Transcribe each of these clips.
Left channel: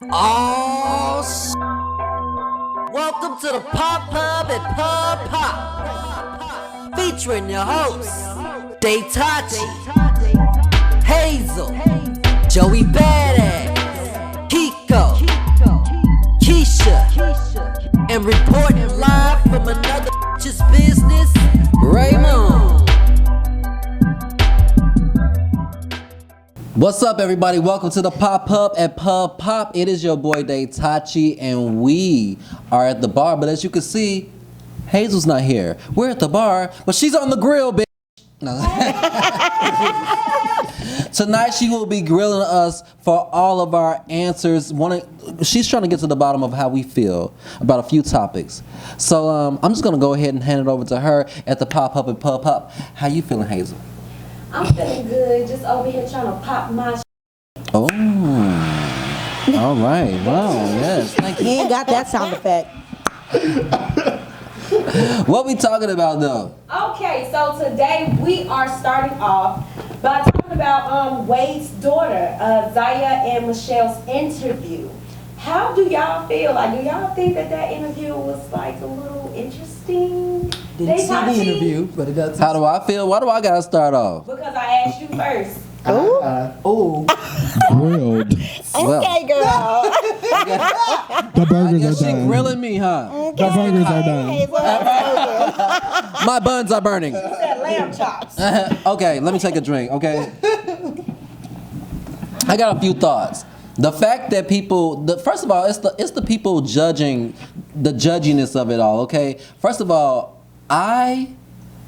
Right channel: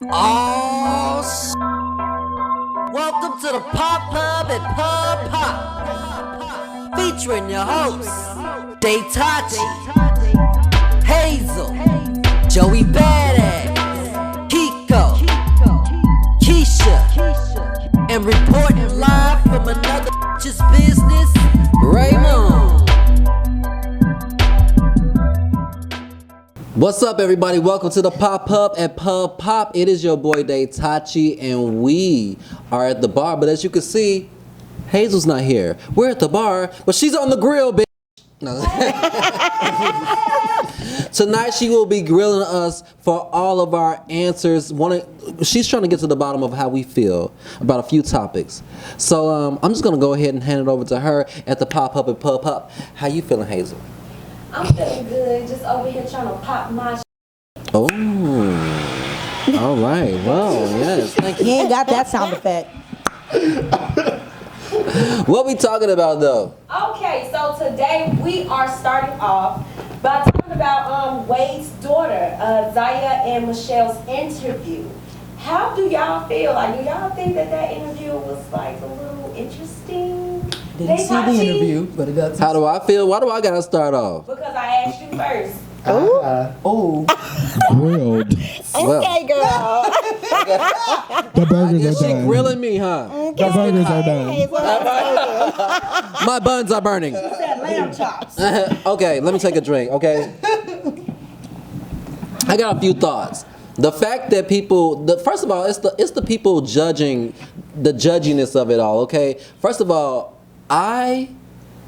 Oh, welcome to the Pop Pub at Pub Pop, featuring your hosts, Daytachi, Hayzell, Joey Badass, Kiko, Keisha, and reporting live from another bitch's business, Raymond. What's up, everybody? Welcome to the Pop Up at Pub Pop. It is your boy Daytachi, and we are at the bar. But as you can see, Hayzell's not here. We're at the bar, but she's on the grill, bitch. No. Tonight she will be grilling us for all of our answers. She's trying to get to the bottom of how we feel about a few topics. So I'm just gonna go ahead and hand it over to her at the Pop Up at Pub Pop. How you feeling, Hayzell? I'm feeling good, just over here trying to pop my Oh, all right. Well, yes. Thank you. He ain't got that sound effect. What we talking about, though? Okay, so today we are starting off by talking about Wade's daughter, Zaya and Michelle's interview. How do y'all feel? Like, do y'all think that interview was like a little interesting? Didn't see the interview, but it got some. How do I feel? Why do I gotta start off? Because I asked you first. Oh. Grilled. Well, The burgers I guess are she done. grilling me, huh? The It's burgers are getting done. hot. My buns are burning. Said lamb chops. Okay, let me take a drink. Okay. I got a few thoughts. The fact that first of all, it's the people judging, the judginess of it all. Okay. First of all, I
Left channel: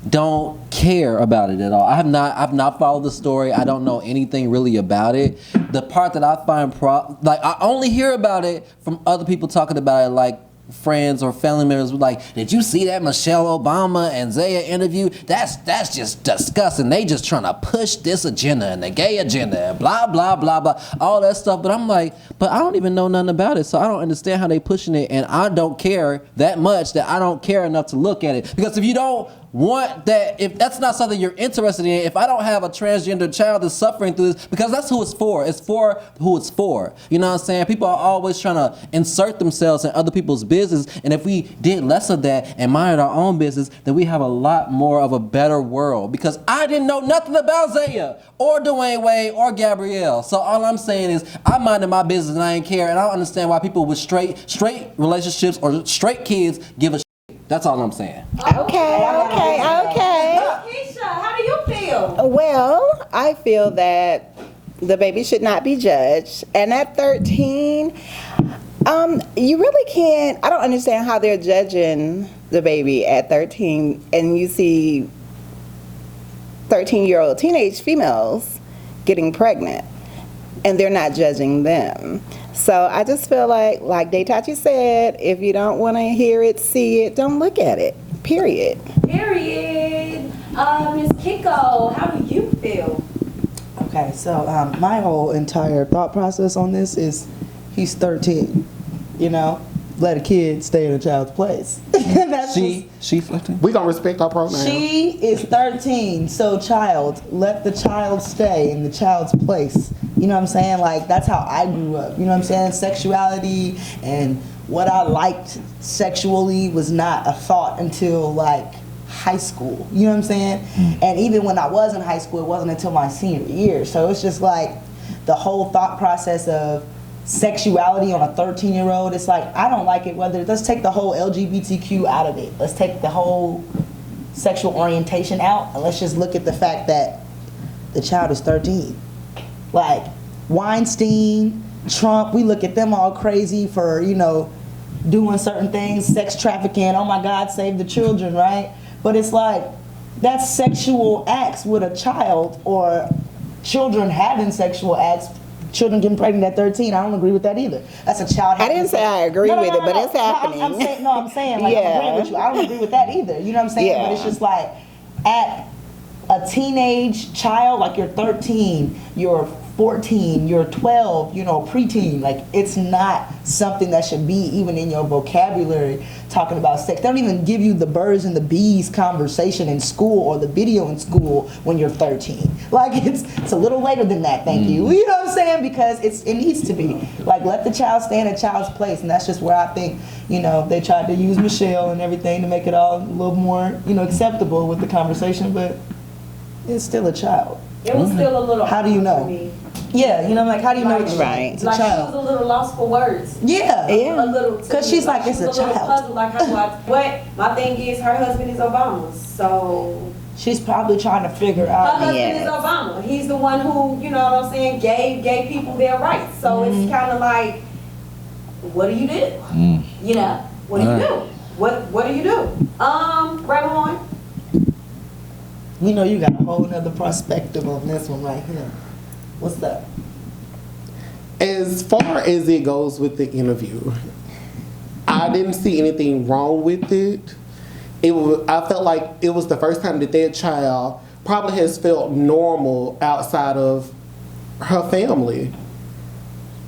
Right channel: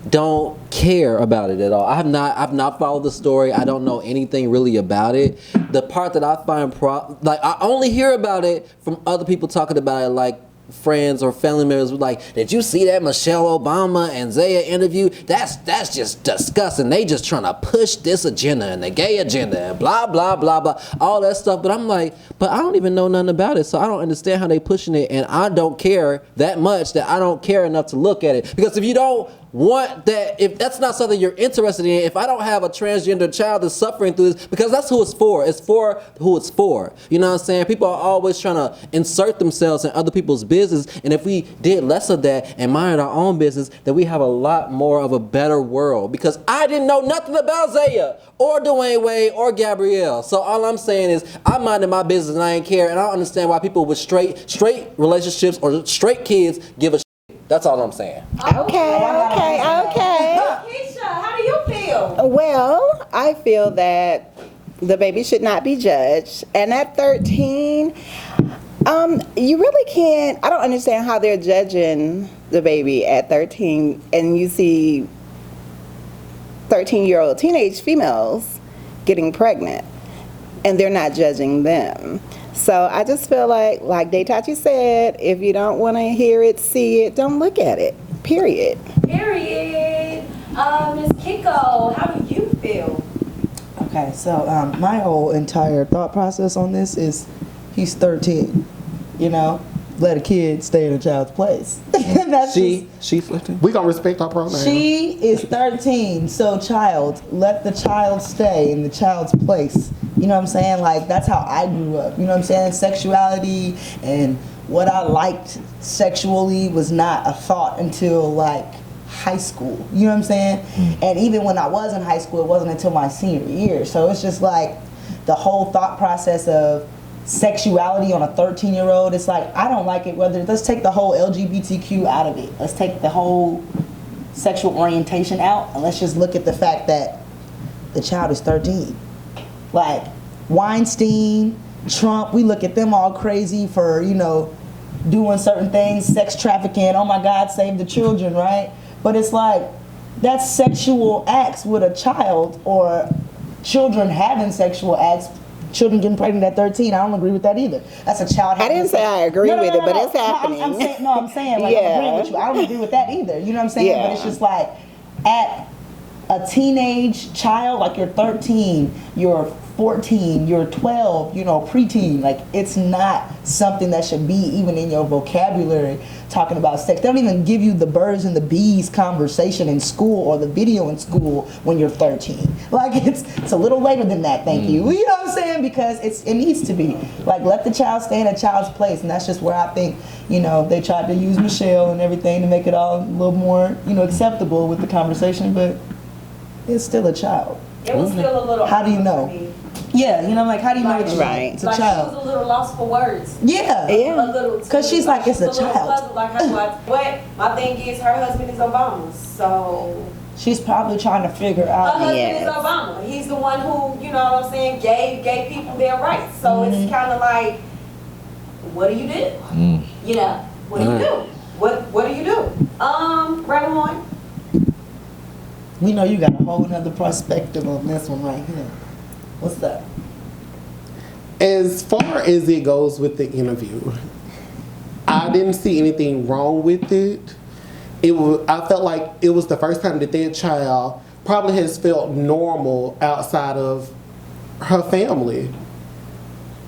don't care about it at all. I've not followed the story. I don't know anything really about it. The part that I find I only hear about it from other people talking about it, like friends or family members. Like, did you see that Michelle Obama and Zaya interview? That's just disgusting. They just trying to push this agenda and the gay agenda and blah blah blah blah, all that stuff. But I'm like, but I don't even know nothing about it, so I don't understand how they pushing it, and I don't care that much that I don't care enough to look at it. Because if you don't want that, if that's not something you're interested in, if I don't have a transgender child that's suffering through this, because that's who it's for. It's for who it's for. You know what I'm saying? People are always trying to insert themselves in other people's business, and if we did less of that and minded our own business, then we have a lot more of a better world. Because I didn't know nothing about Zaya or Dwayne Wade or Gabrielle. So all I'm saying is I minded my business and I ain't care, and I don't understand why people with straight relationships or straight kids give a shit. That's all I'm saying. Oh, okay. Oh, I got a reason though. Keisha, how do you feel? Well, I feel that the baby should not be judged. And at 13, you really can't, I don't understand how they're judging the baby at 13 and you see 13-year-old teenage females getting pregnant and they're not judging them. So I just feel like Daytachi said, if you don't want to hear it, see it, don't look at it. Period. Miss Kiko, how do you feel? Okay, so my whole entire thought process on this is he's 13. You know, let a kid stay in a child's place. That's She's 15. We gonna respect our pronoun. She is 13, so child, let the child stay in the child's place. You know what I'm saying? Like, that's how I grew up. You know what I'm saying? Sexuality and what I liked sexually was not a thought until like high school. You know what I'm saying? And even when I was in high school, it wasn't until my senior year. So it's just like the whole thought process of sexuality on a 13-year-old, it's like, I don't like it. Let's take the whole LGBTQ out of it. Let's take the whole sexual orientation out, and let's just look at the fact that the child is 13. Like Weinstein, Trump, we look at them all crazy for, you know, doing certain things, sex trafficking, oh my God, save the children, right? But it's like, that's sexual acts with a child, or children having sexual acts. Children getting pregnant at 13, I don't agree with that either. That's a child having a sex. No, I'm saying, like, I'm agreeing with you. I don't agree with that either. You know what I'm saying? But it's just like, at a teenage child, like you're 13, you're 14, you're 12, preteen. Like, it's not something that should be even in your vocabulary talking about sex. They don't even give you the birds and the bees conversation in school or the video in school when you're 13. Like, it's a little later than that, thank you. You know what I'm saying? Because it needs to be. Like, let the child stay in a child's place. And that's just where I think, they tried to use Michelle and everything to make it all a little more, acceptable with the conversation, but it's still a child. It was still a little. How do you know? to me. Yeah, like, how do you know what you like? It's a child. She was a little lost for words. Yeah. Because she's like, it's a child. But my thing is, her husband is Obama, so. She's probably trying to figure Her out. husband is Obama. He's the one who, you know what I'm saying, gave people their rights. So it's kind of like, what do you do? What do you do? What do you do? Raymond. We know you got a whole nother perspective on this one right here. What's up? As far as it goes with the interview, I didn't see anything wrong with it. I felt like it was the first time that child probably has felt normal outside of her family.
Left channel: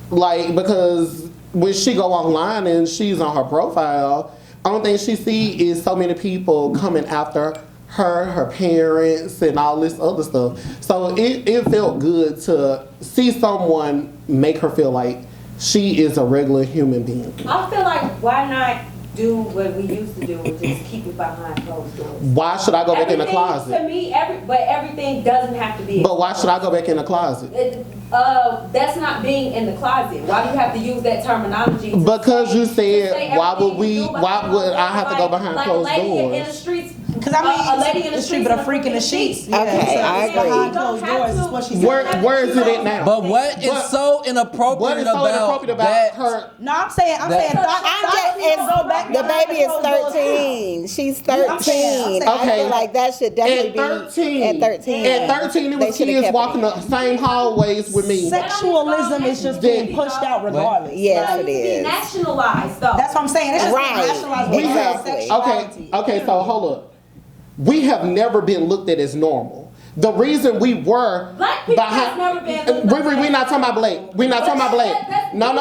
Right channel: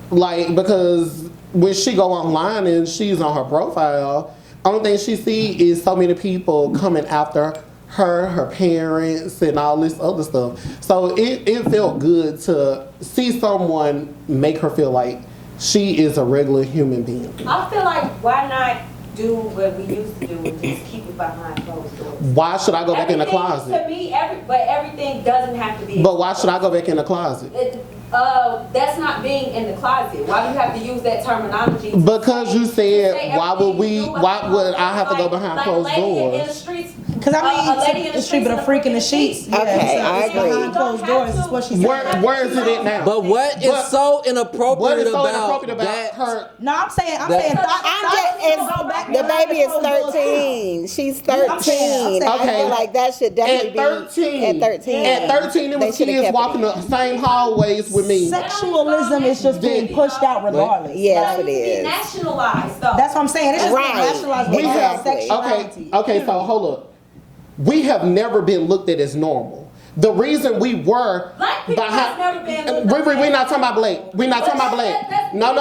Like, because when she go online and she's on her profile, only thing she see is so many people coming after her parents, and all this other stuff. So it felt good to see someone make her feel like she is a regular human being. I feel like, why not do what we used to do and just keep it behind closed doors? Why should I go back in the To closet? me, but everything doesn't have to be. But why should I go back in the closet? That's not being in the closet. Why do you have to use that terminology? Because you said, why would I have to go behind closed doors? Because the street, but a freak in the sheets. Yeah, it's behind closed doors. Is what she said. Where is it at now? But what is so inappropriate about that? her? No, I'm saying thoughts need to go back behind the closed doors too. I'm saying. Okay. At 13, it was kids walking the same hallways with me. Sexualism is just being pushed out regardless. Like, it needs to be nationalized, though. That's what I'm saying. It's just being nationalized. We have sexuality. Okay. So hold up. We have never been looked at as normal. The reason we were behind. We're not talking about black. We're not talking about black. No.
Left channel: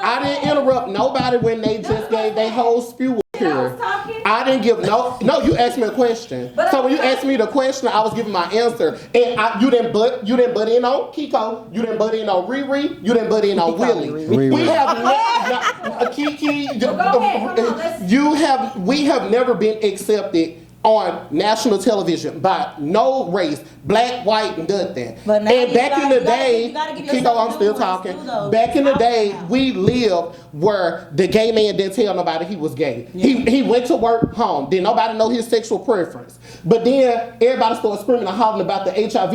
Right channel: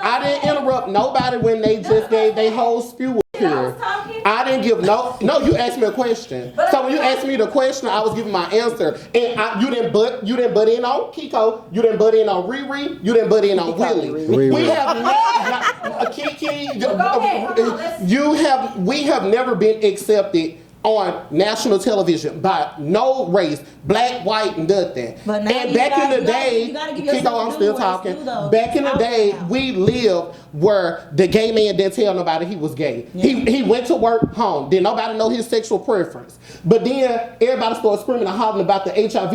I didn't interrupt nobody when they just gave their whole spew up here. I didn't give no. You asked me a question. So when you asked me the question, I was giving my answer. And you didn't butt in on Kiko. You didn't butt in on Riri. You didn't butt in on Willie. Riri. We have never been accepted on national television by no race, black, white, nothing. But now and back in the day, Kiko, I'm still talking. Back in the day, we lived where the gay man didn't tell nobody he was gay. Yeah. He went to work home. Didn't nobody know his sexual preference. But then everybody started screaming and hollering about the HIV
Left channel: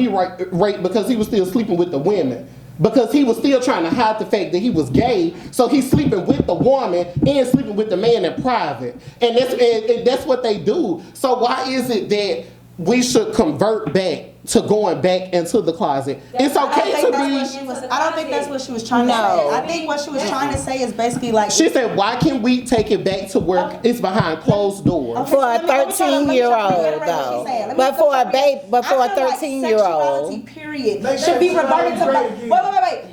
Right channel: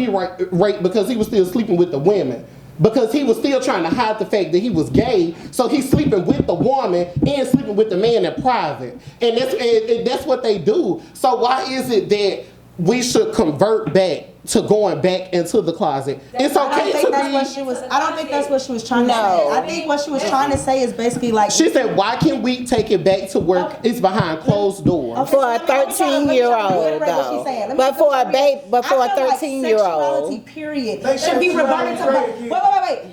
rate because he was still sleeping with the women. Because he was still trying to hide the fact that he was gay, so he's sleeping with the woman and sleeping with the man in private, and that's what they do. So why is it that we should convert back to going back into the closet? It's okay to be. I don't think that's what she was trying to say. I think what she was trying to say is basically like. She said, "Why can't we take it back to where it's behind closed doors?" Okay, so let me try to reiterate what she's saying. Let me try to reiterate. I feel like sexuality, period, should be reverted to. Wait.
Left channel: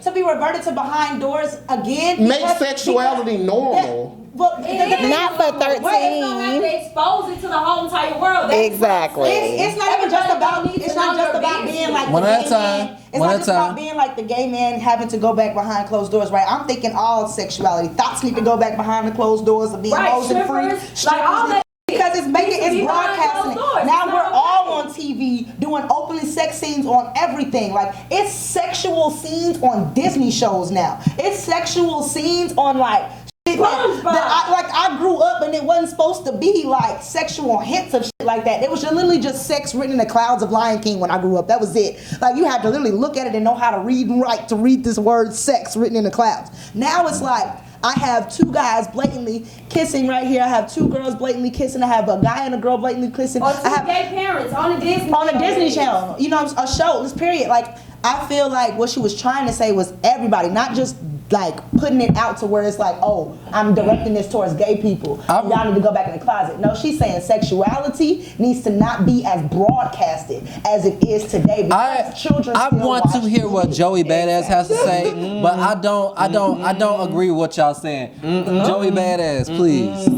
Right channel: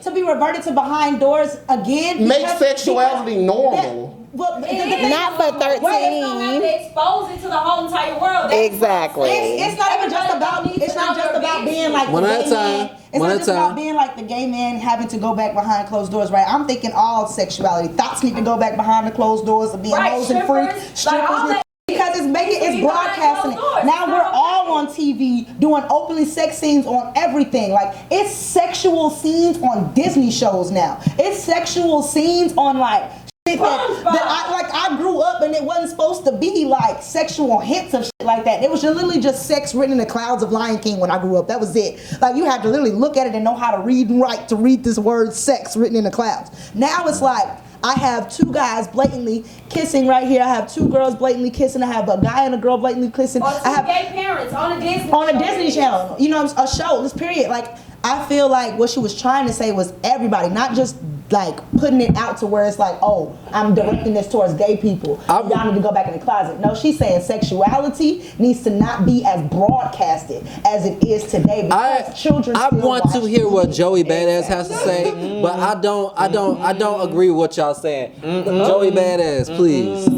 To be reverted to behind doors again. Make sexuality normal. Well, the thing is, wait. Expose it to the whole entire world. It's not even just about. It's not just about being like one the at gay a time. man. It's not just about being like the gay man having to go back behind closed doors, right? I'm thinking all sexuality. Thoughts need to go back behind the closed doors of being hoes and freaks, strippers. Because it's broadcasting it. Now we're all on TV doing openly sex scenes on everything. Like, it's sexual scenes on Disney shows now. It's sexual scenes on like that I grew up and it wasn't supposed to be like sexual hints of shit like that. It was literally just sex written in the clouds of Lion King when I grew up. That was it. Like, you had to literally look at it and know how to read and write to read this word sex written in the clouds. Now it's like, I have two guys blatantly kissing right here. I have two girls blatantly kissing. I have a guy and a girl blatantly kissing. I have gay parents on a Disney Channel. You know, a show. This period. Like, I feel like what she was trying to say was everybody, not just like putting it out to where it's like, oh, I'm directing this towards gay people. Y'all need to go back in the closet. No, she's saying sexuality needs to not be as broadcasted as it is today because children I still want watch to hear TV. what Joey Badass has to say, but I don't agree with what y'all saying. Joey Badass, please.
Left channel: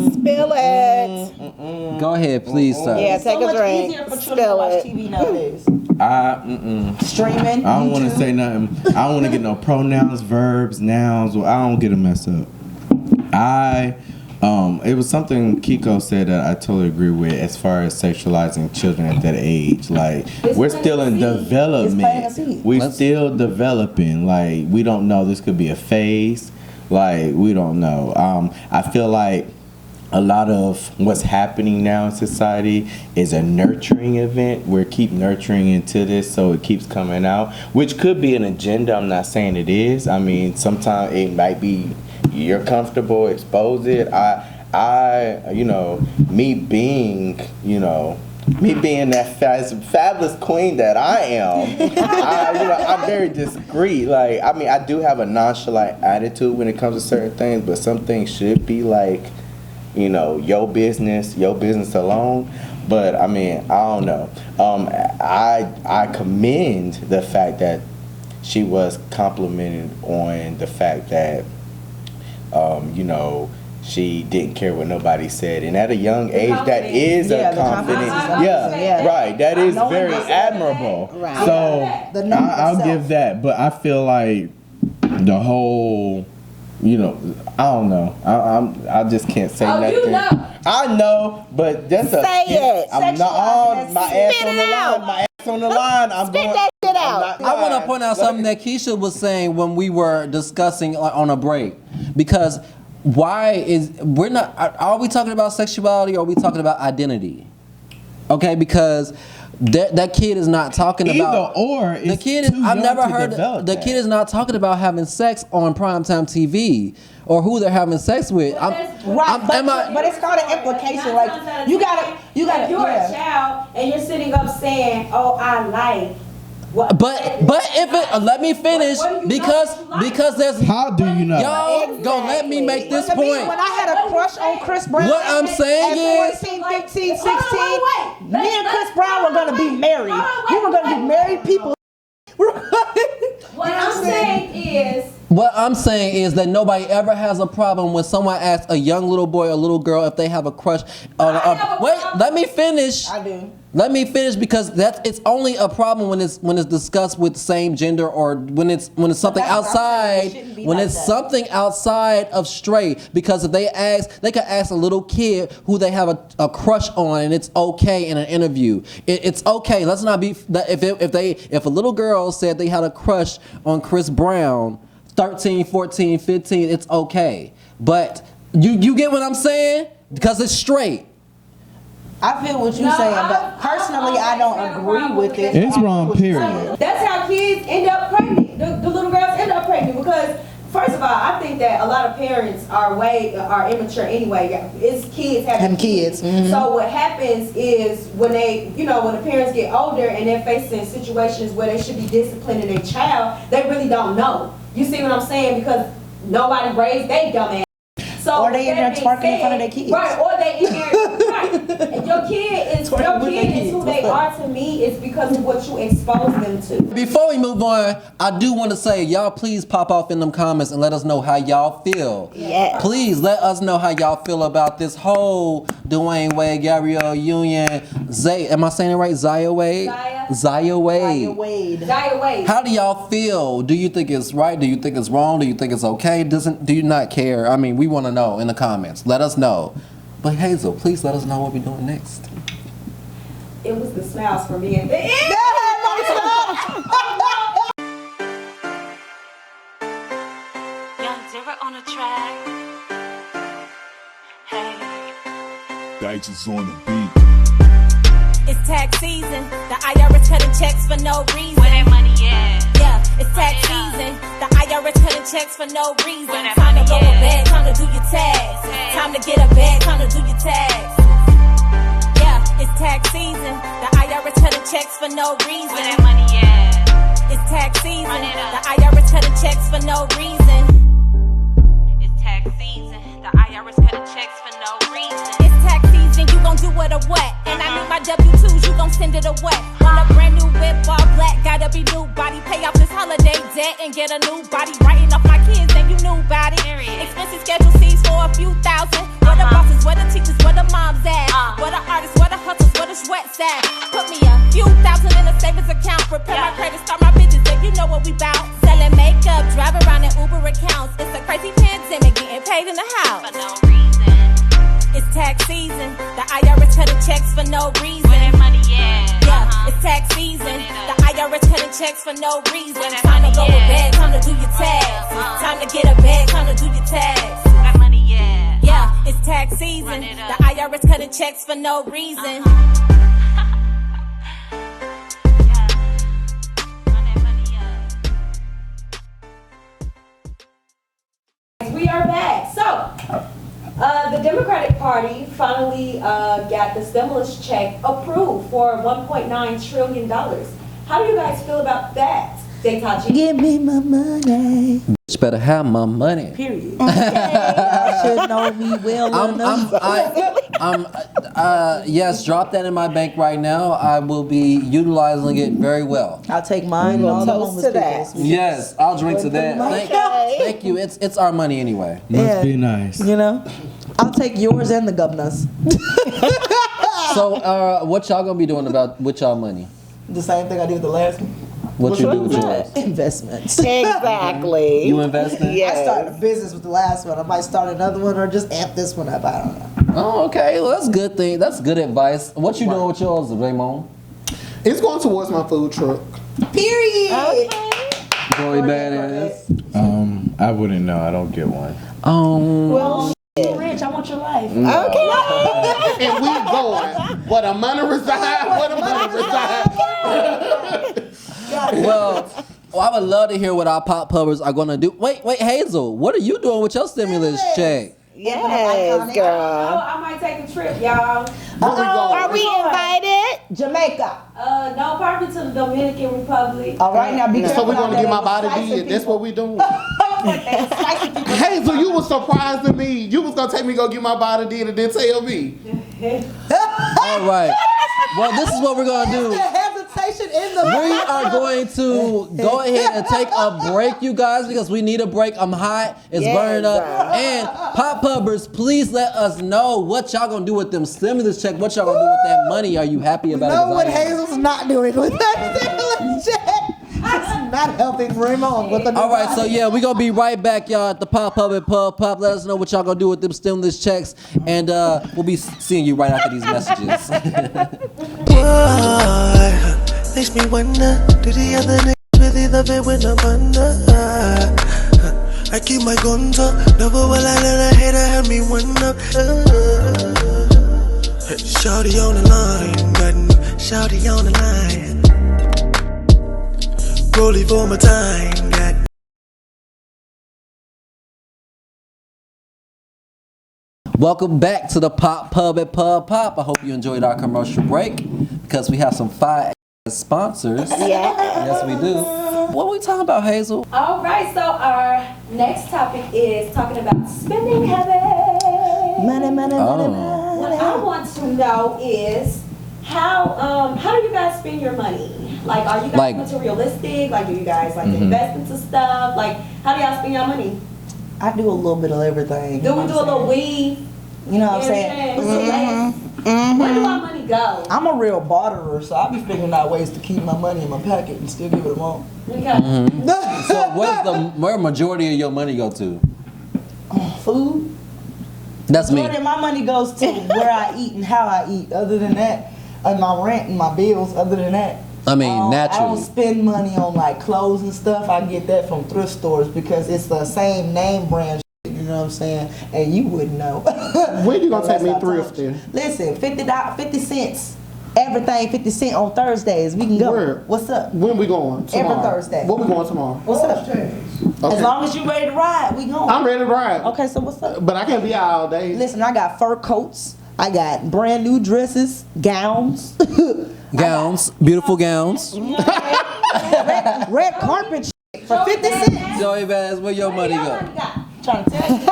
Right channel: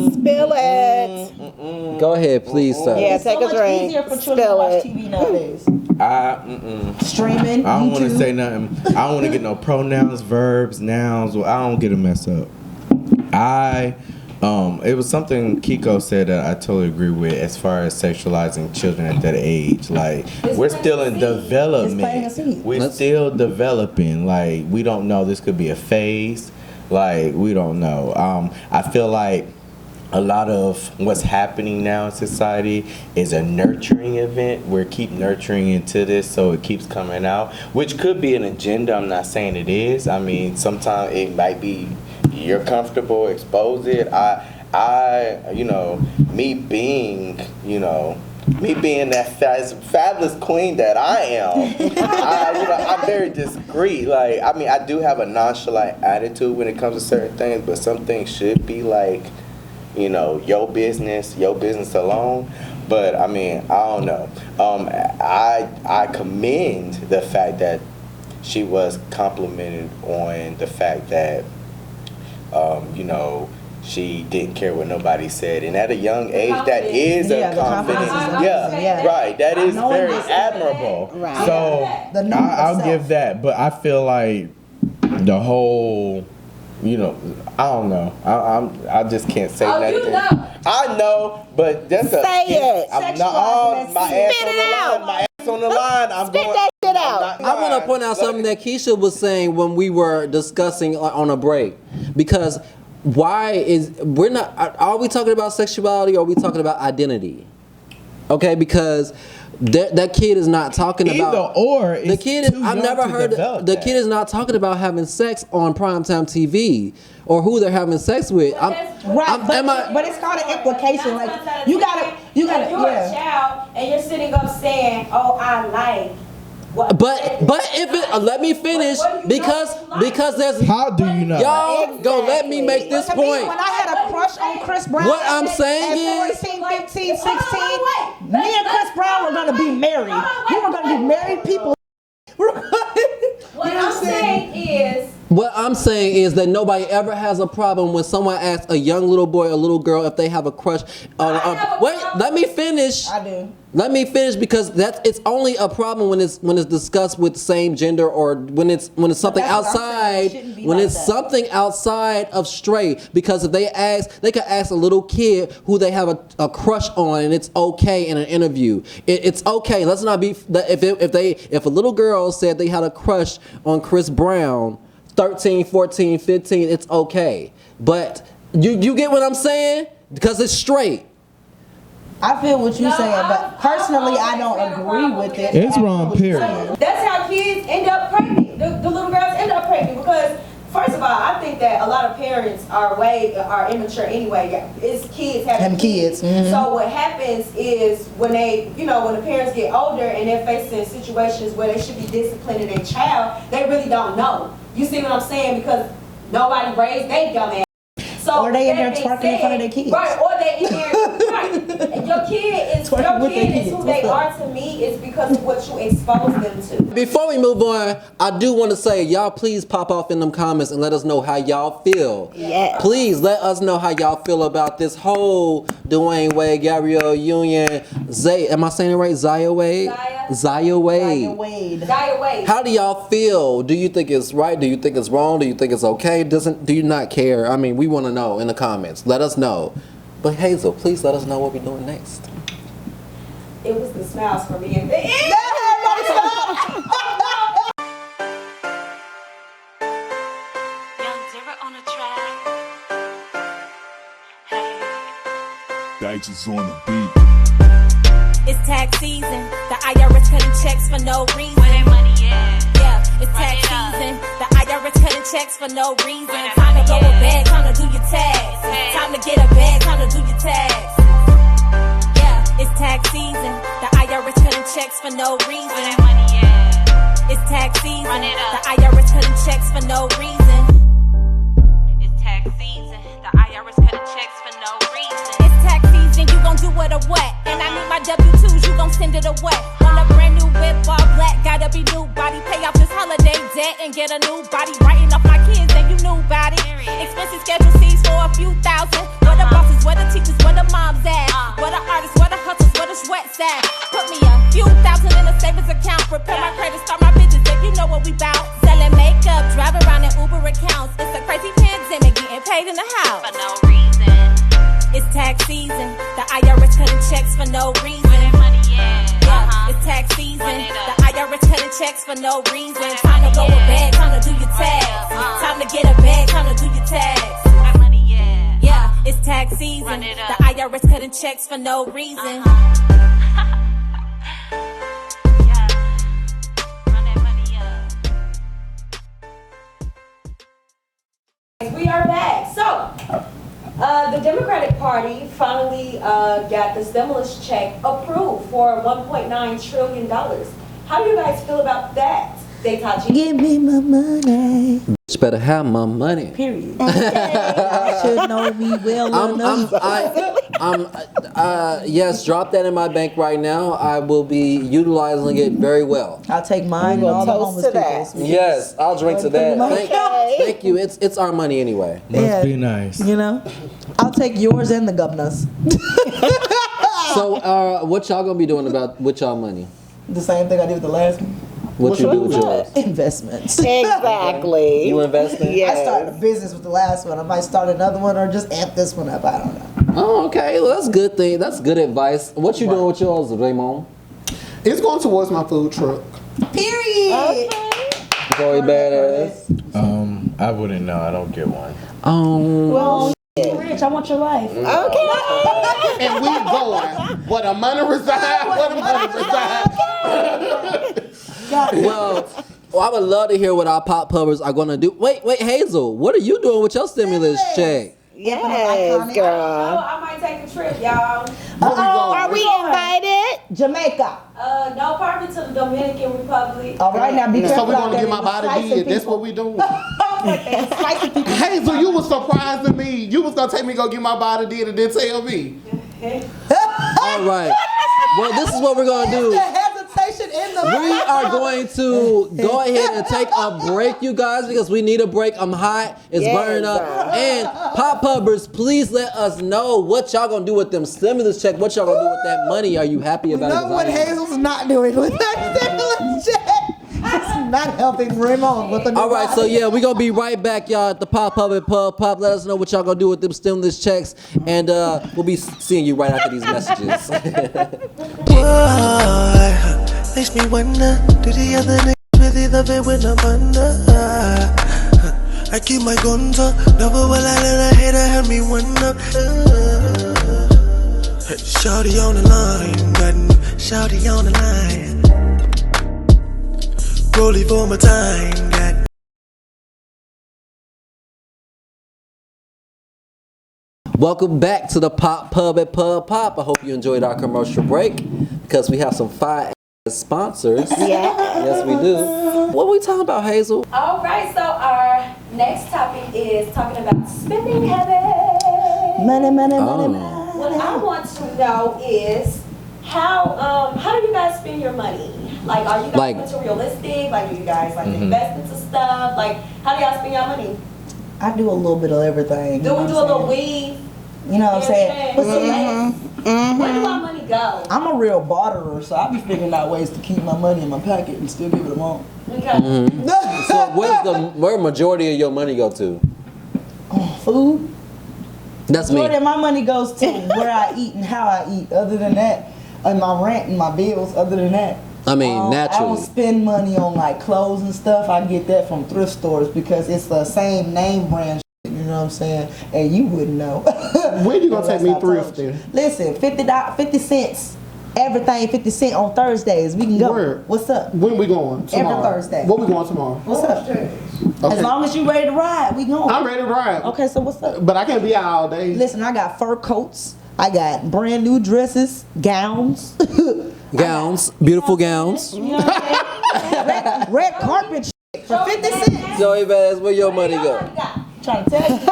Go ahead, please, sir. It's so much easier for children to watch TV nowadays. Streaming, I don't want to YouTube. say nothing. I don't want to get no pronouns, verbs, nouns. Well, I don't get them messed up. It was something Kiko said that I totally agree with as far as sexualizing children at that age. Like, we're still in development. It's planting a seed. We're still developing. Like, we don't know. This could be a phase. Like, we don't know. I feel like a lot of what's happening now in society is a nurturing event. We keep nurturing into this, so it keeps coming out, which could be an agenda. I'm not saying it is. I mean, sometimes it might be you're comfortable, expose it. Me being that fabulous queen that I am, I very disagree. Like, I mean, I do have a nonchalant attitude when it comes to certain things, but some things should be like, your business alone. But I mean, I don't know. I commend the fact that she was complimented on the fact that, she didn't care what nobody said, and at a young age, that is the confidence is amazing. Yeah, right. That is very admirable. Yeah. So I'll give that, but I feel like the whole. I don't know. I just can't say nothing. I know, but that's a skin. I'm not on my ass on the line. My ass on the line. I'm going. I'm not. I want to point out something that Keisha was saying when we were discussing on a break, because are we talking about sexuality or are we talking about identity? Okay, because that kid is not talking about the kid is. I've never heard the kid is not talking about having sex on primetime TV or who they're having sex with. but it's called an implication. Like you gotta, if you're a child and you're sitting up saying, "Oh, I like." But if it let me finish because there's how do you know y'all gonna let me make this point. When I had a crush on Chris Brown, what I'm saying at is 14, 15, 16, me and Chris Brown were gonna be married. We were gonna be married people. What I'm saying is that nobody ever has a problem when someone asks a young little boy or little girl if they have a crush. Wait, let me finish. I do. Let me finish because it's only a problem when it's discussed with same gender or when it's something outside something outside of straight. Because if they could ask a little kid who they have a crush on, and it's okay in an interview. It's okay. Let's not be if a little girl said they had a crush on Chris Brown, 13, 14, 15, it's okay. But you get what I'm saying? Because it's straight. I feel what you're saying, but personally, I don't agree with it. It's wrong, period. That's how kids end up pregnant. The little girls end up pregnant because, first of all, I think that a lot of parents are immature anyway. It's kids having kids. Mm-hmm. So what happens is when when the parents get older and they're facing situations where they should be disciplining their child, they really don't know. You see what I'm saying? Because nobody raised their dumb ass. So or they in there twerking in front of their kids. Right, or they in there, right. Your kid is twerking with their kids. Who they are to me is because of what you expose them to. Before we move on, I do want to say, y'all please pop off in them comments and let us know how y'all feel. Yeah. Please let us know how y'all feel about this whole Dwayne Wade, Gabrielle Union, am I saying it right? Zaya Wade? Zaya Wade. How do y'all feel? Do you think it's right? Do you think it's wrong? Do you think it's okay? Do you not care? I mean, we want to know in the comments. Let us know. But Hayzell, please let us know what we're doing next. It was the smiles for me at the end. Everybody smiled. Young Zara on the track. Hey. Dice is on the beat. It's tax season. The IRS cutting checks for no reason. Where that money at? Yeah, it's tax season. The IRS cutting checks for no reason. Time to go to bed, time to do your tax. Time to get a bed, time to do your tax. Yeah, it's tax season. The IRS cutting checks for no reason. Where that money at? It's tax season. Run it up. The IRS cutting checks for no reason. it a what? Want a brand new whip, all black, gotta be new body. Pay off this holiday debt and get a new body. Writing off my kids, then you knew about it. Expensive schedule C's for a few thousand. Where the bosses, where the teachers, where the moms at? Where the artists, where the hustles, where the sweats at? Put me a few thousand in a savings account. Prepare my credit, start my business, then you know what we bout. Selling makeup, drive around in Uber accounts. It's a crazy pandemic, getting paid in the house. For no reason. It's tax season. The IRS cutting checks for no reason. Where that money at? It's tax season. The IRS cutting checks for no reason. Time to go to bed, time to do your tax. Time to get a bag, time to do your tax. Where money at? Yeah, it's tax season. The IRS cutting checks for no reason. We are back. So, the Democratic Party finally got the stimulus check approved for $1.9 trillion. How do you guys feel about that? Give me my money. Bitch better have my money. Period. Y'all should know me well enough. Yes, drop that in my bank right now. I will be utilizing it very well. I'll take mine and all the homeless people's. Yes, I'll drink to that. Thank you. It's our money anyway. Must be nice. You know, I'll take yours and the governor's. So, what y'all gonna be doing with y'all money? The same thing I did with the last one. What you do with yours? Investments. Exactly. You investing? I started a business with the last one. I might start another one or just amp this one up. I don't know. Oh, okay. Well, that's good thing. That's good advice. What you doing with yours, Raymond? It's going towards my food truck. Period. Joey Badass. I wouldn't know. I don't get one. Oh, you're too rich. I want your life. And we going. Where the money reside? Where the money reside? Well, I would love to hear what our pop pubbers are gonna do. Wait, Hayzell, what are you doing with your stimulus check? Amping up Iconic. Oh, I might take a trip, y'all. Where we going? Jamaica. No, probably to the Dominican Republic. All right, now be careful. So we're out gonna there. get my They was body slicing did. That's people. what we doing. I was like, they was slicing people. Hazel, you was surprising me. You was gonna take me go get my body did and then tell me. All right. Well, this is what we're gonna do. The hesitation in the We are going to go ahead and take a break, you guys, because we need a break. I'm hot. It's burning up. And pop pubbers, please let us know what y'all gonna do with them stimulus check. What y'all gonna do with that money? Are you happy about it? know what 'Cause I am. Hazel's not doing with that stimulus check. It's not helping Raymond with the new All right, so body. yeah, we're gonna be right back, y'all, at the Pop Pub at Pub Pop. Let us know what y'all gonna do with them stimulus checks, and we'll be seeing you right after these messages. Boy, makes me wonder, do the other niggas really love it when I'm under? I keep my guns up, never will I let a hater have me one up. Shawty on the line, got new shawty on the line. Rollie for my time, got Welcome back to the Pop Pub at Pub Pop. I hope you enjoyed our commercial break because we have some fire sponsors. Yes, we do. What are we talking about, Hazel? All right, so our next topic is talking about spending habits. Money, money, Oh. money, What I money. want to know is how do you guys spend your money? Like, are you guys Like- materialistic? Like, do you guys like invest into stuff? Like, how do y'all spend your money? I do a little bit of everything. Do you know we what do a I'm little saying? weed? You know what I'm saying? But see, Where do our money go? I'm a real barterer, so I be figuring out ways to keep my money in my pocket and still give it a month. Okay. So where majority of your money go to? Food. That's me. More than my money goes to where I eat and how I eat. Other than that, and my rent and my bills. Other than that, I mean, I don't naturally. spend money on like clothes and stuff. I get that from thrift stores because it's the same name brand. You know what I'm saying? And you wouldn't know. When you gonna take Unless me I told you. thrifting? Listen, $50 cents. Everything 50 cents on Thursdays. We can go. Where? What's up? When we going? Tomorrow. Thursday. What we going tomorrow? What's up? Okay. As long as you ready to ride, we going. I'm ready to ride. Okay, so what's up? But I can't be out all day. Listen, I got fur coats. I got brand new dresses, gowns. Gowns, beautiful gowns. You know what I'm saying? red carpet shit for 50 cents. Joey Vaz, where your money go? Trying to tell you.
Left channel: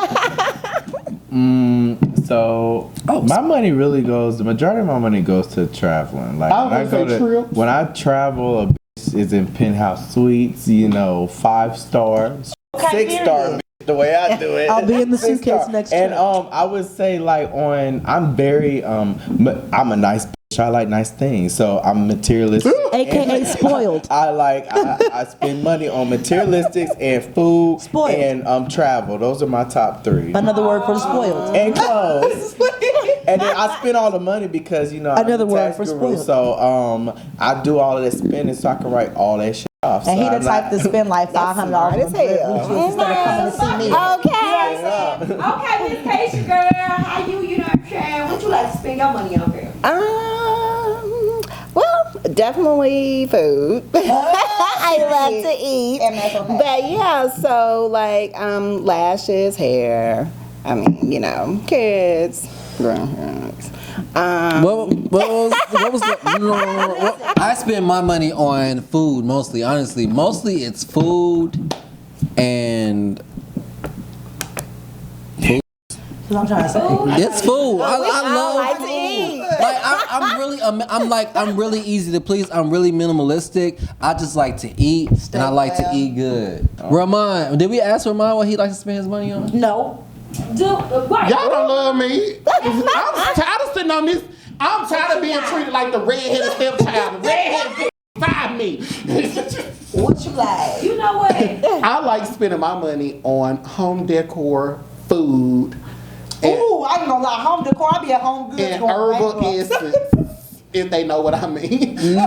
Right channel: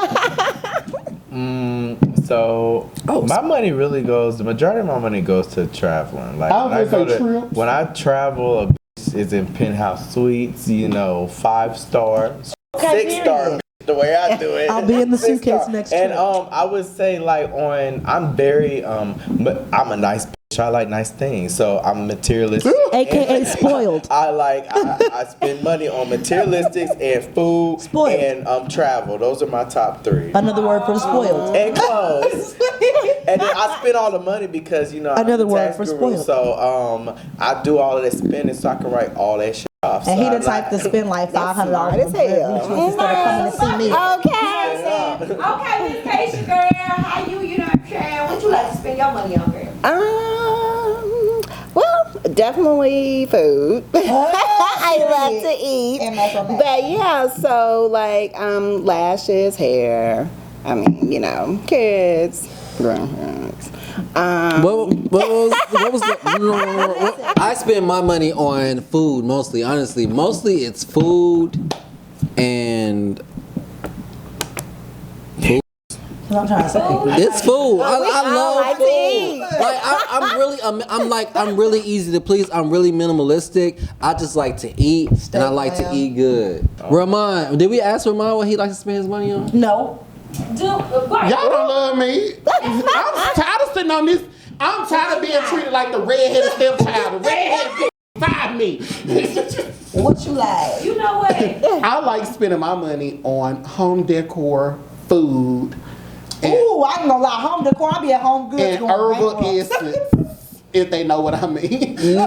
So my money really goes. The majority of my money goes to traveling. Like I was gonna say trips. When I travel, a bitch is in penthouse suites. 5-star, Okay, 6-star. period. The way I do it. I'll be in the 6-star. suitcase next and, trip. I would say I'm very I'm a nice bitch. I like nice things, so I'm materialistic. AKA spoiled. I spend money on materialistics and food Spoiled. and travel. Those are my top 3. Another word for spoiled. And clothes. And then I spend all the money because I'm Another a word tax for guru, spoiled. So I do all of that spending so I can write all that shit off. And So he the I'm type not- to spend like $500 on a dread retwist instead of coming to see me. You know what I'm saying? Okay, Miss Keisha, girl, how you know what I'm saying? What you like to spend your money on, girl? Well, definitely food. Period. MS on that. But yeah, so like lashes, hair. Kids. What was the? I spend my money on food mostly. Honestly, mostly it's food and. Because I'm trying to say. It's food. I love food. Like I'm really easy to please. I'm really minimalistic. I just like to eat and I like to eat good. Ramon, did we ask Ramon what he likes to spend his money on? No. Y'all don't love me. I'm tired of sitting on this. I'm tired of being treated like the redheaded stepchild. The redheaded find me. What you like? You know what? I like spending my money on home decor, food, and, Ooh, I ain't gonna lie. Home decor, I be at Home Goods and going herbal bankrupt. essence, if they know what I mean. Essence,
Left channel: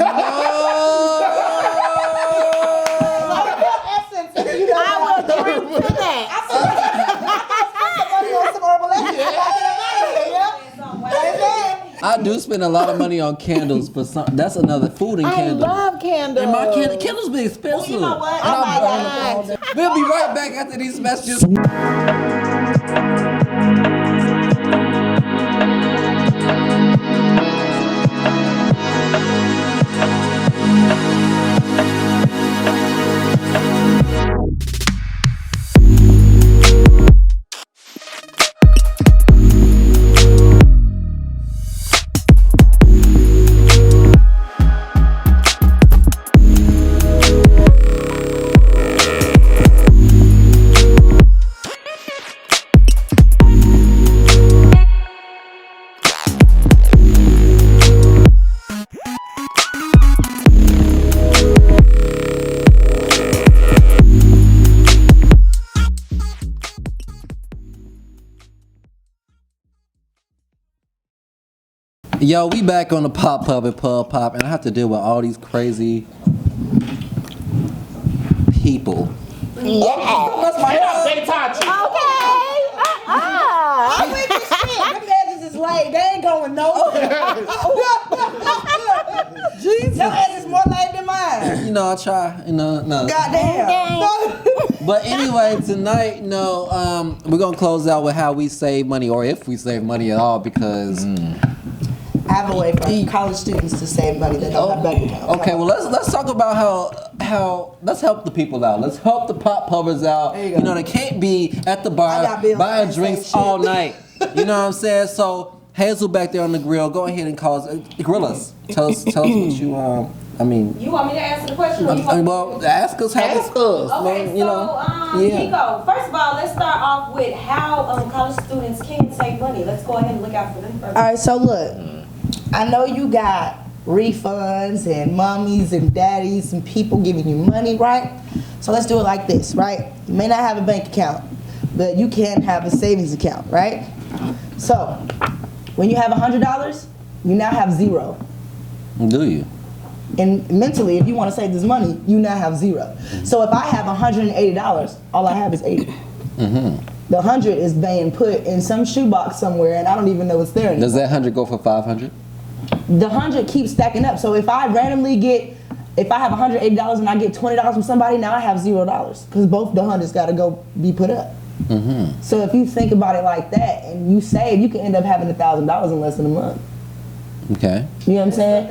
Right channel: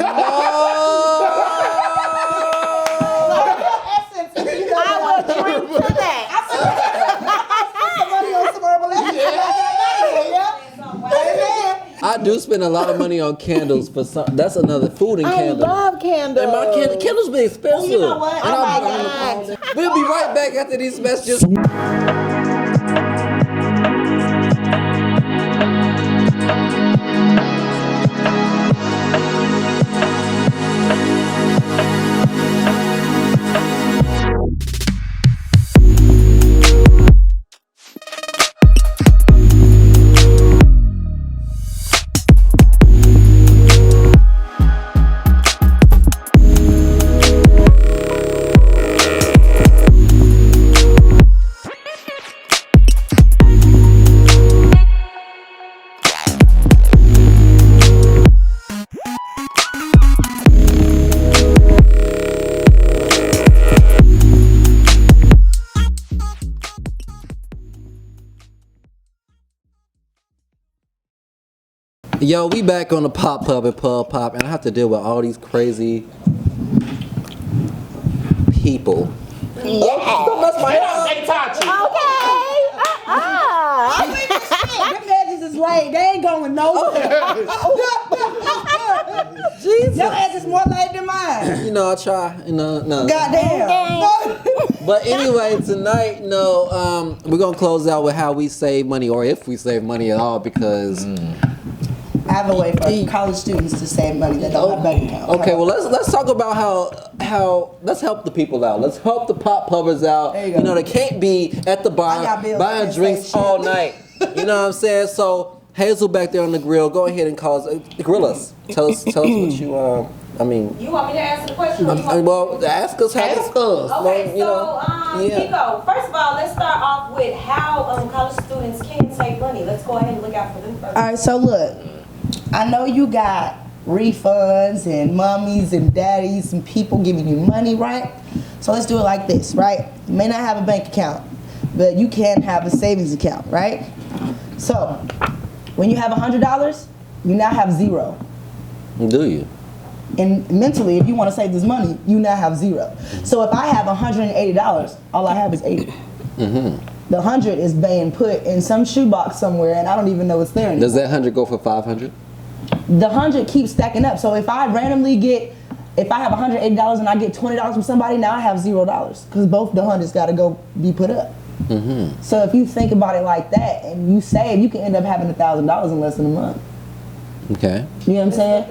if you know what I mean. I spend some money on some herbal essence. I do spend a lot of money on candles for some. That's another food and candles. love candles. And my candles be expensive. you know what? And I I buy burn that them all day. too. We'll be right back after these messages. Yo, we back on the Pop Pub and Pub Pop, and I have to deal with all these crazy people. Oh, don't mess my hair up. They taught you. I'm weak as shit. Them edges is laid. They ain't going nowhere. Jesus. Your edges more laid than mine. I try. No. Goddamn. But anyway, tonight, we're gonna close out with how we save money, or if we save money at all, because. I have a way for college students to save money that don't have bank accounts. Okay, well let's talk about how let's help the people out. Let's help the pop pubbers out. There you go. They can't be at the I bar got bills buying that drinks say all shit. night. You know what I'm saying? So Hayzell back there on the grill, go ahead and call us, grill us. Tell us what you I mean. You want me to answer the question? Well, ask us how. Ask us. Okay, yeah. Nico, first of all, let's start off with how college students can save money. Let's go ahead and look out for them first. All right, so look, I know you got refunds and mommies and daddies and people giving you money, right? So let's do it like this, right? You may not have a bank account, but you can have a savings account, right? So when you have $100, you now have zero. Do you? And mentally, if you want to save this money, you now have zero. So if I have $180, all I have is 80. Mm-hmm. The 100 is being put in some shoebox somewhere, and I don't even know it's there anymore. Does that 100 go for 500? The 100 keeps stacking up. So if I randomly if I have $180 and I get $20 from somebody, now I have $0 because both the 100s got to go be put up. Mm-hmm. So if you think about it like that and you save, you can end up having $1,000 in less than a month. Okay. You know what I'm saying?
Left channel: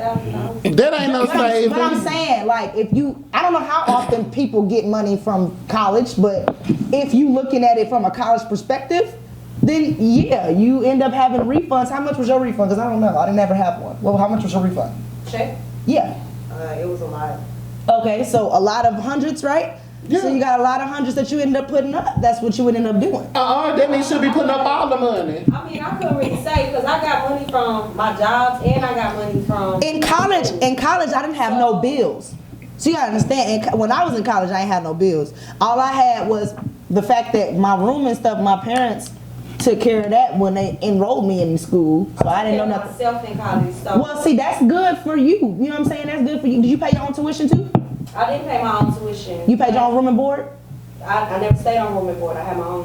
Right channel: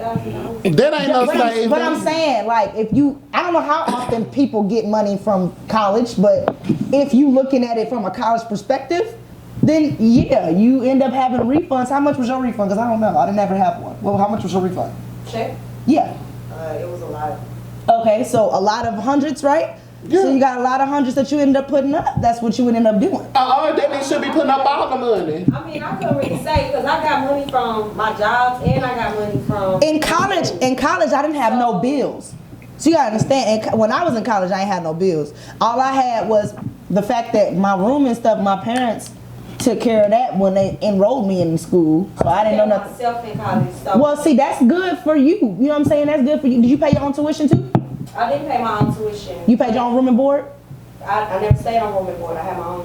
That ain't no saving. But I'm saying, like, I don't know how often people get money from college, but if you looking at it from a college perspective, then yeah, you end up having refunds. How much was your refund? Because I don't know. I didn't ever have one. Well, how much was your refund? Check? Yeah. It was a lot. Okay, so a lot of hundreds, right? Yeah. So you got a lot of hundreds that you end up putting up. That's what you would end up doing. That means she'll be putting up all the money. I mean, I couldn't really say because I got money from my jobs and I got money from. In college, I didn't have no bills. So you gotta understand. And when I was in college, I ain't had no bills. All I had was the fact that my room and stuff. My parents took care of that when they enrolled me in school, so I didn't know nothing. Myself in college, so Well, see, that's good for you. You know what I'm saying? That's good for you. Did you pay your own tuition too? I didn't pay my own tuition. You paid your own room and board? I never stayed on room and board. I had my own.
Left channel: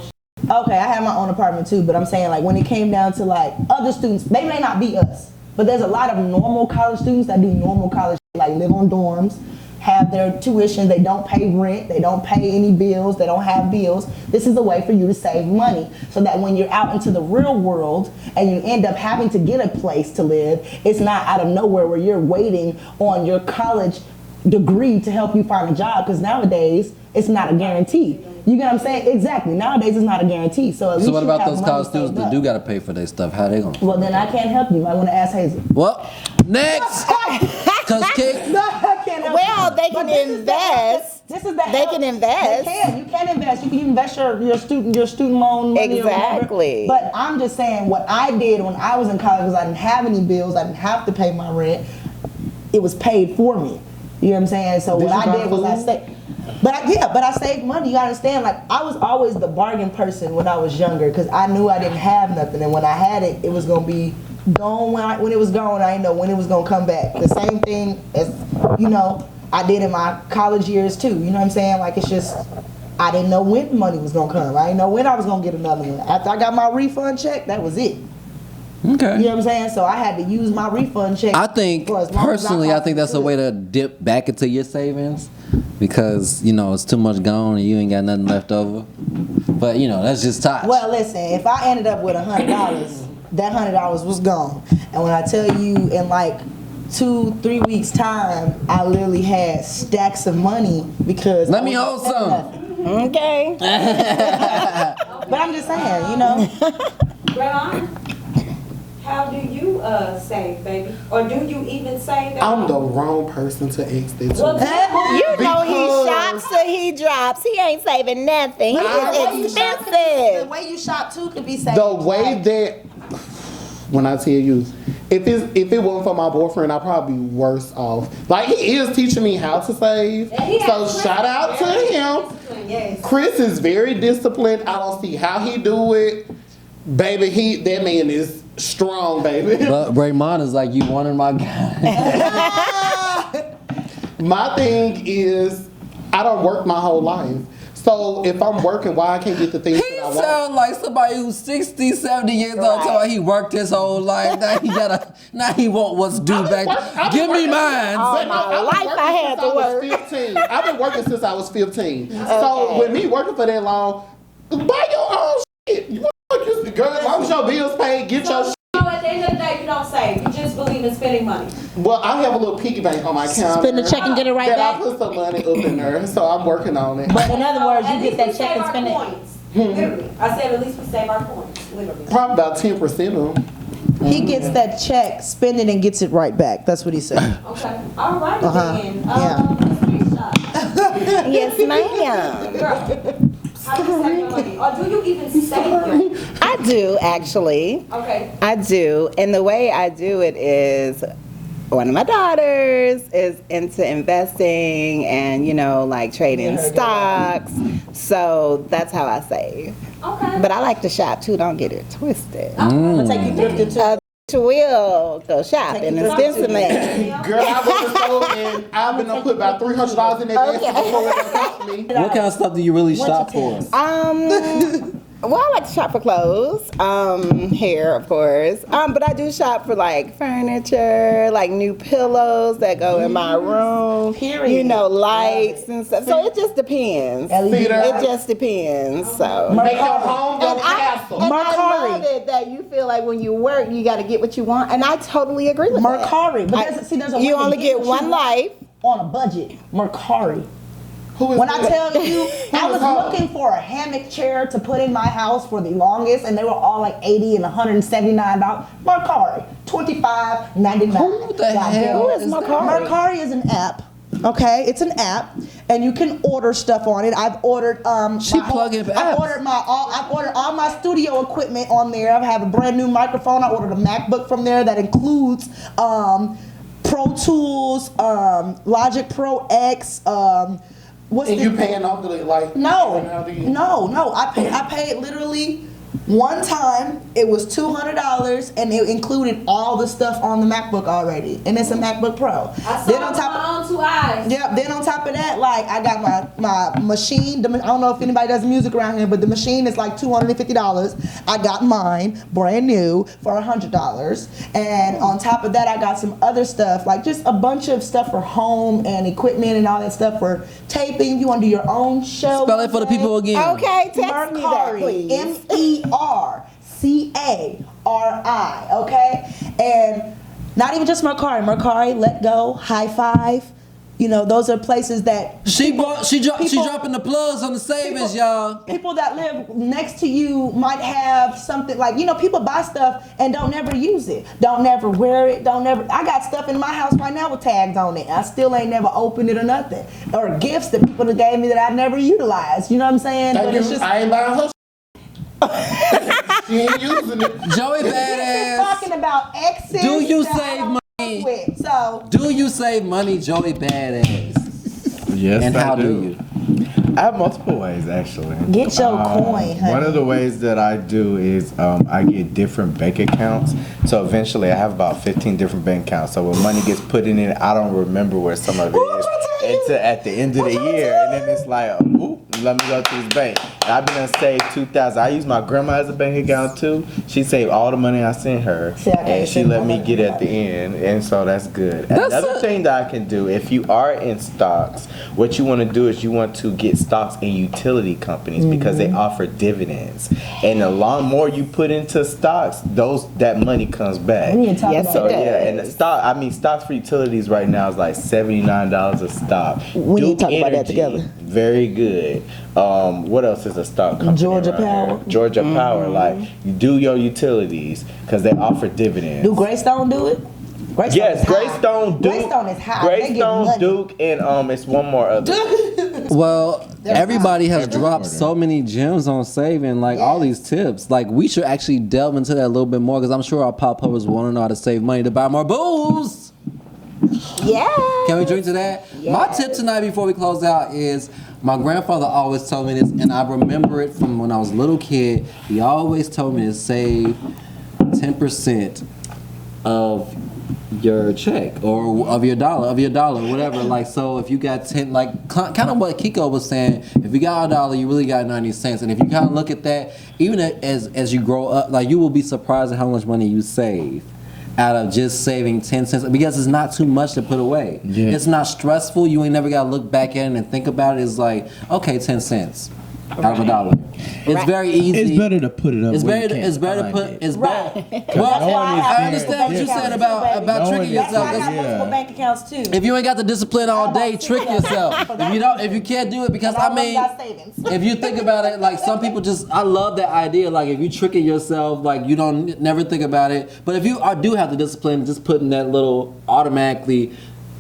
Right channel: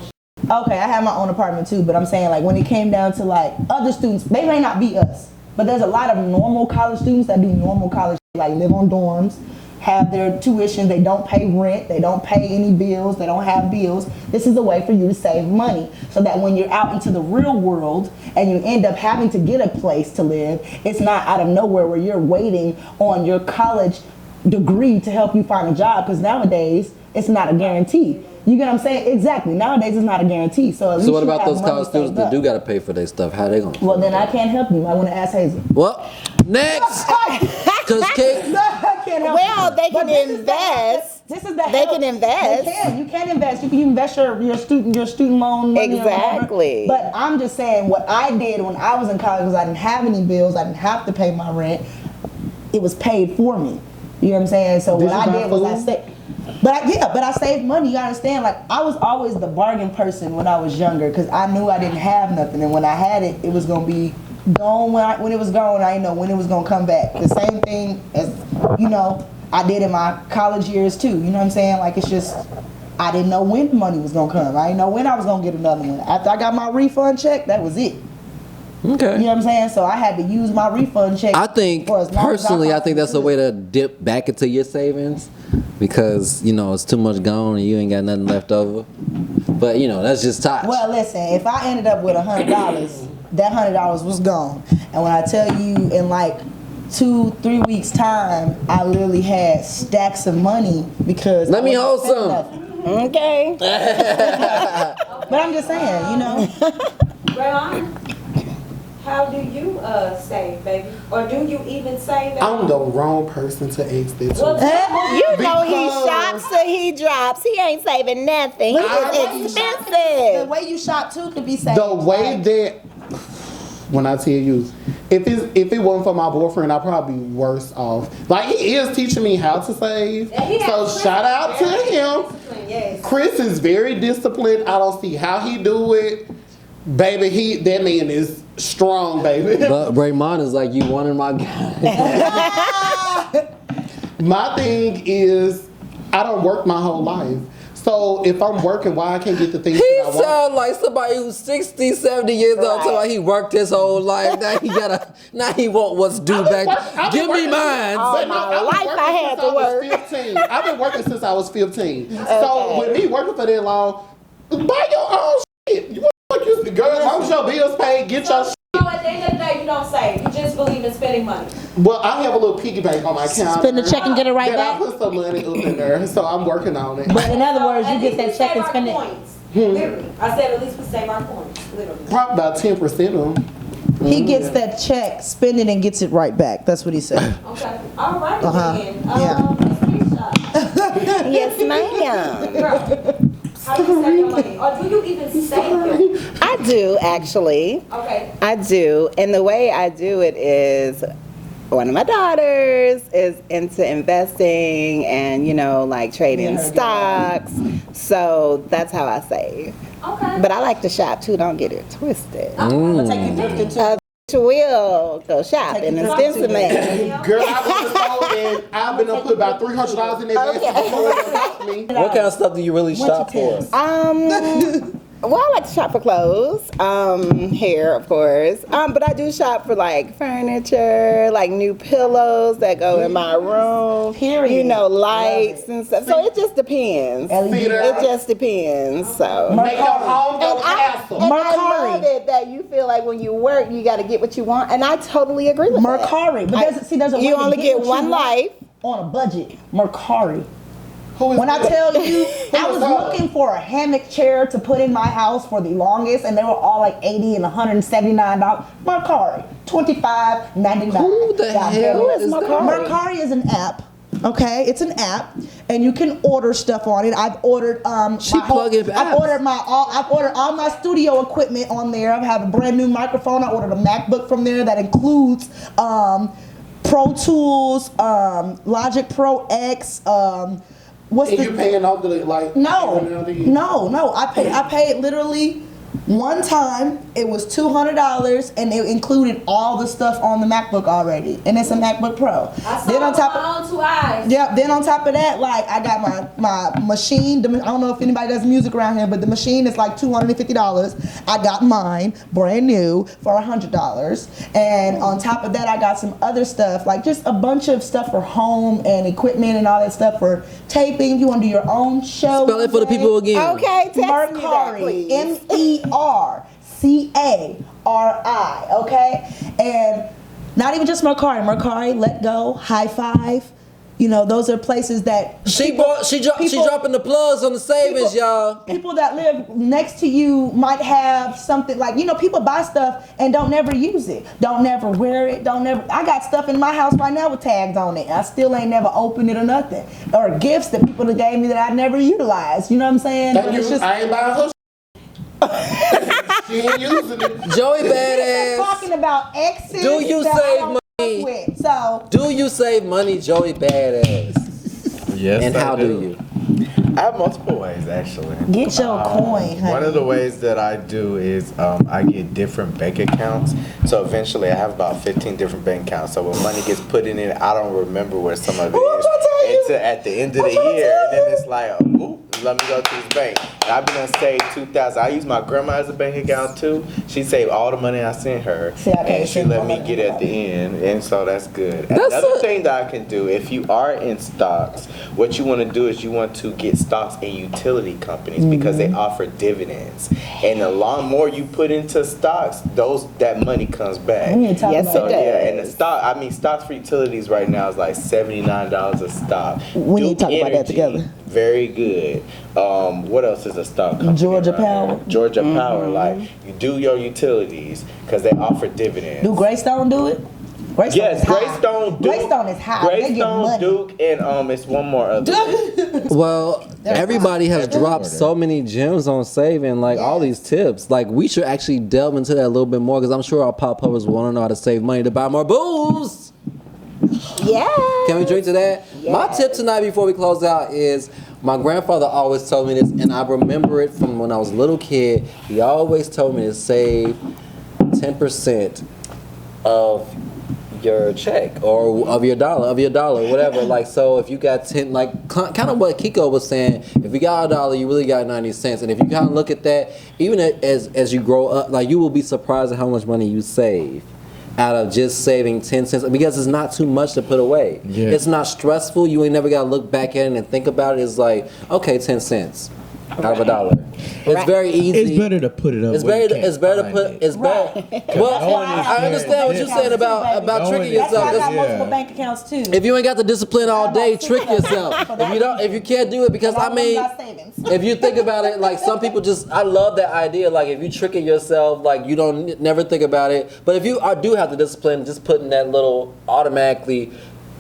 Okay, I had my own apartment too, but I'm saying like when it came down to like other students, they may not be us, but there's a lot of normal college students that do normal college, like live on dorms, have their tuition, they don't pay rent, they don't pay any bills, they don't have bills. This is a way for you to save money so that when you're out into the real world and you end up having to get a place to live, it's not out of nowhere where you're waiting on your college degree to help you find a job, because nowadays it's not a guarantee. You get what I'm saying? Exactly. Nowadays it's not a guarantee. So at least what you about have those money college students saved that up. do got to pay for their stuff? How they gonna? Well, then I can't help you. I want to ask Hayzell. Well, next, cause Kate. No, I can't help you. But this is the help that. This is the help. They can. You can invest. You can invest your student loan money or whatever. But I'm just saying what I did when I was in college, because I didn't have any bills. I didn't have to pay my rent. It was paid for me. You know what I'm saying? So what I did was I saved. But I saved money. You gotta understand, like, I was always the bargain person when I was younger, because I knew I didn't have nothing, and when I had it, it was gonna be gone. When it was gone, I didn't know when it was gonna come back. The same thing as, I did in my college years too. You know what I'm saying? Like, it's just, I didn't know when the money was gonna come. I didn't know when I was gonna get another one. After I got my refund check, that was it. Okay. You know what I'm saying? So I had to use my refund check. I think for as long as personally, I think that's a possibly way could. to dip back into your savings, because it's too much gone and you ain't got nothing left over. But that's just touch. Well, listen, if I ended up with $100, that $100 was gone. And when I tell you in like 2-3 weeks time, I literally had stacks of money because Let I me wasn't hold spending some. nothing. But I'm just saying, Raymond, how do you save, baby? Or do you even save? I'm the wrong person to ask that to. Because He drops. He ain't saving nothing. But see, the way you shop too could be saved. the way that, when I tell you, if it wasn't for my boyfriend, I'd probably be worse off. Like, he is teaching me how to save. So shout out to him. Chris is very disciplined. I don't see how he do it. Baby, that man is strong, baby. But Raymond is like, you wanted my guy. My thing is, I don't work my whole life. So if I'm working, why I can't get the things He that I want? sound like somebody who's 60, 70 years old, talking about he worked his whole life. Now he want what's due back. Give me mine. But no, I've been working since I was 15. So with me working for that long, buy your own shit. You girl, as long as your bills paid, get your shit. At the end of the day, you don't save. You just believe in spending money. Well, I have a little piggy bank on my counter. Spend the check and get it right that back? I put some money up in there, so I'm working on it. But in other words, you get that check and spend it. Literally. I said at least we save our coins. Literally. Probably about 10% of them. He gets that check, spend it, and gets it right back. That's what he said. Okay. All right. Yeah. Or do you even save? I do, actually. Okay. I do. And the way I do it is one of my daughters is into investing and, like trading Me and her get stocks. So that's how I save. Okay. But I like to shop too. Don't get it twisted. I'm gonna take you thrifting too. Will shop. Take you thrifting too, baby. Girl, I go in the store and I've been up put about $300 in that basket before it done cost me. What kind of stuff do you really shop for? Well, I like to shop for clothes, hair, of course. But I do shop for like furniture, like new pillows that go in my room. Period. Lights Love it. and stuff. So it just depends. LED Cedar. It just depends. So. Make your home your castle. Mercari. That you feel like when you work, you got to get what you want, and I totally agree with Mercari. But there's a way to only get get what you one want life. on a budget. Mercari. Who is When I that? tell you, I is was her? looking for a hammock chair to put in my house for the longest, and they were all like $80 and $179. Mercari, $25.99. Who the God hell damn it. is that? Mercari is an app. Okay, it's an app, and you can order stuff on it. I've ordered She plugging apps. I've ordered all my studio equipment on there. I have a brand new microphone. I ordered a MacBook from there that includes Pro Tools, Logic Pro X. What's And the, you paying off the like? no, every now and then? no. I paid literally one time. It was $200, and it included all the stuff on the MacBook already, and it's a MacBook Pro. Then on top of then on top of that, like I got my machine. I don't know if anybody does music around here, but the machine is like $250. I got mine brand new for $100, and on top of that, I got some other stuff, like just a bunch of stuff for home and equipment and all that stuff for taping. If you want to do your own show, Spell it for the people again. Mercari, MERCARI, okay? And not even just Mercari, Let Go, High Five. You know, those are places that She dropping the plugs on the savings, y'all. People that live next to you might have something like, you know, people buy stuff and don't never use it, don't never wear it, I got stuff in my house right now with tags on it. I still ain't never opened it or nothing. Or gifts that people have gave me that I never utilized. You know what I'm saying? Thank you. I ain't buying her. She ain't using it. Joey We're Badass. talking about exes. Do you that I save don't money? fuck with. So Do you save money, Joey Badass? Yes, And how I do you? I have multiple ways, actually. get your coin, honey. One of the ways that I do is I get different bank accounts. So eventually I have about 15 different bank accounts. So when money gets put in it, I don't remember where some of it I'm is trying to tell you. until at the end of the year. And then it's like, ooh, let me go to this bank. And I've been to save $2,000. I use my grandma as a bank account too. She saved all the money I sent her. See, I can't and she send let my me money get to at the nobody. end. And so that's good. That's Another a- thing that I can do, if you are in stocks, what you want to do is you want to get stocks in utility companies because they offer dividends. And the more you put into stocks, that money comes back. We need to talk about So, that. yeah, and stocks for utilities right now is like $79 a stock. We need to talk Duke about that Energy, together. Very good. What else is a stock company Georgia right here? Power. Georgia Power. Like, you do your utilities because they offer dividends. Do Greystone do it? Greystone is high. Greystone, Duke, Greystone is high. They get Greystone, money. Duke, and it's one more. Well, everybody has dropped so many gems on saving, like all these tips. Like we should actually delve into that a little bit more because I'm sure our pop puppers want to know how to save money to buy more booze. Can we drink to that? My tip tonight before we close out is my grandfather always told me this, and I remember it from when I was a little kid. He always told me to save 10% of your check or of your dollar, whatever. Like, so if you got 10, like kind of what Kiko was saying, if you got $1, you really got 90 cents. And if you kind of look at that, even as you grow up, like you will be surprised at how much money you save out of just saving 10 cents because it's not too much to put away. Yeah. It's not stressful. You ain't never got to look back at it and think about it. It's like, okay, 10 cents out of $1. It's very easy. It's better to put it up. It's where you better. can't It's better to find put. it. It's better. Well, no one is I there. understand what you're saying about No tricking one- That's why I yourself. got 'cause multiple Yeah. bank accounts too. if you ain't got the discipline all I bought day, 6 trick of them yourself. for If that you don't, if you can't do it, because And I all of them mean, got savings. if you think about it, like some people just, I love that idea. Like if you tricking yourself, like you don't never think about it. But if you do have the discipline, just putting that little automatically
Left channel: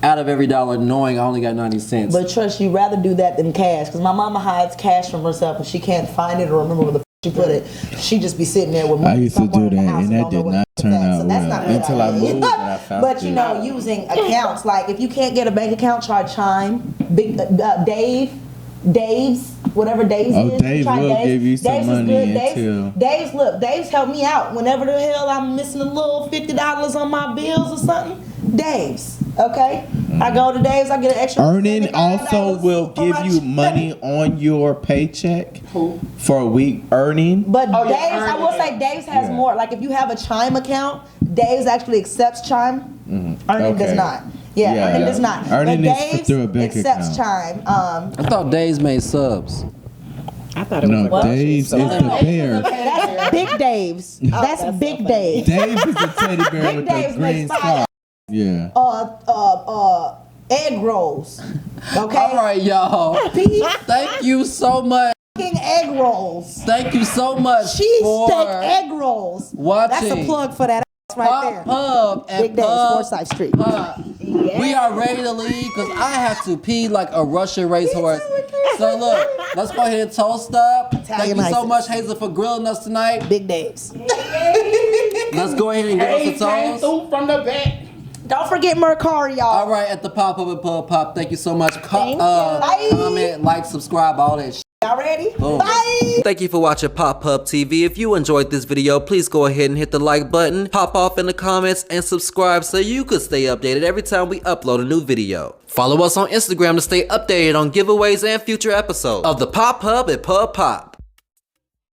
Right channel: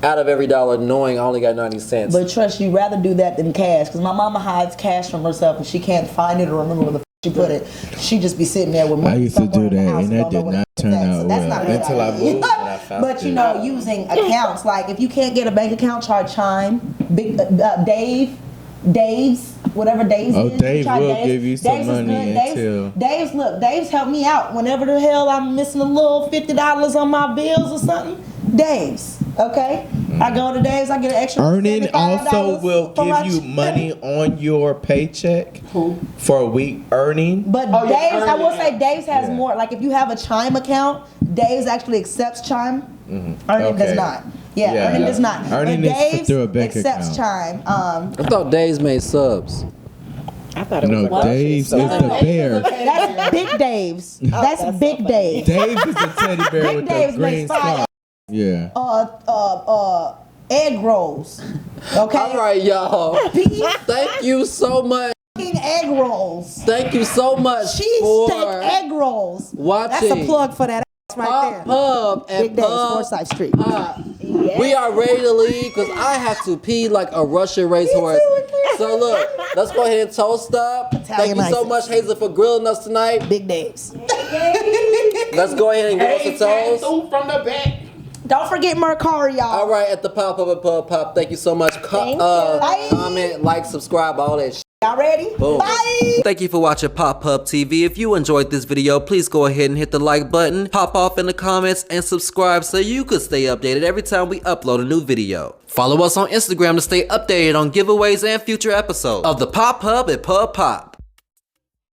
out of every dollar, knowing I only got 90 cents. But trust, you rather do that than cash, because my mama hides cash from herself and she can't find it or remember where the she put it. She just be sitting there with money I used to somewhere do in the that, house and that don't know did where not it's turn at. out So that's well not a good until I idea. moved and I found But you it. know, using accounts, like if you can't get a bank account, try Chime, Dave's, whatever Dave's Oh, is. Dave try will Dave's. give you some Dave's is money good. until- Dave's helped me out. Whenever the hell I'm missing a little $50 on my bills or something, Dave's, okay? I go to Dave's, I get an extra Earning $75 also will for my give you check. money on your paycheck for a week earning. But Oh, yeah, Dave's, I will say Dave's has more. Like if you have a Chime account, Dave's actually accepts Chime. Earning does Okay. not. Yeah, Yeah. Earning does not. Earning but is Dave's through a bank accepts account. Chime. I thought Dave's made subs. No, Dave's is the bear. That's Big Dave's. That's Big Dave's. Dave's is a teddy bear Big with Dave's the green makes fire. scarf. Yeah. egg rolls. Okay. All right, y'all. Beef Thank you so much. egg rolls. Thank you so much Cheesesteak egg rolls. watching. That's a plug for that ass right Pop there. Pub and Big days, Pub Forsyth Street. Pop. We are ready to leave because I have to pee like a Russian racehorse. So look, let's go ahead and toast up. Thank you so much, Hayzell, for grilling us tonight. Big days. Let's go ahead and give us a toast. From the back. Don't forget Mercari, y'all. All right, at the Pop Pub and Pub Pop. Thank you so much. Comment, like, subscribe, all that shit. Y'all ready? Boom. Bye. Thank you for watching Pop Pub TV. If you enjoyed this video, please go ahead and hit the like button, pop off in the comments, and subscribe so you could stay updated every time we upload a new video. Follow us on Instagram to stay updated on giveaways and future episodes of the Pop Pub and Pub Pop.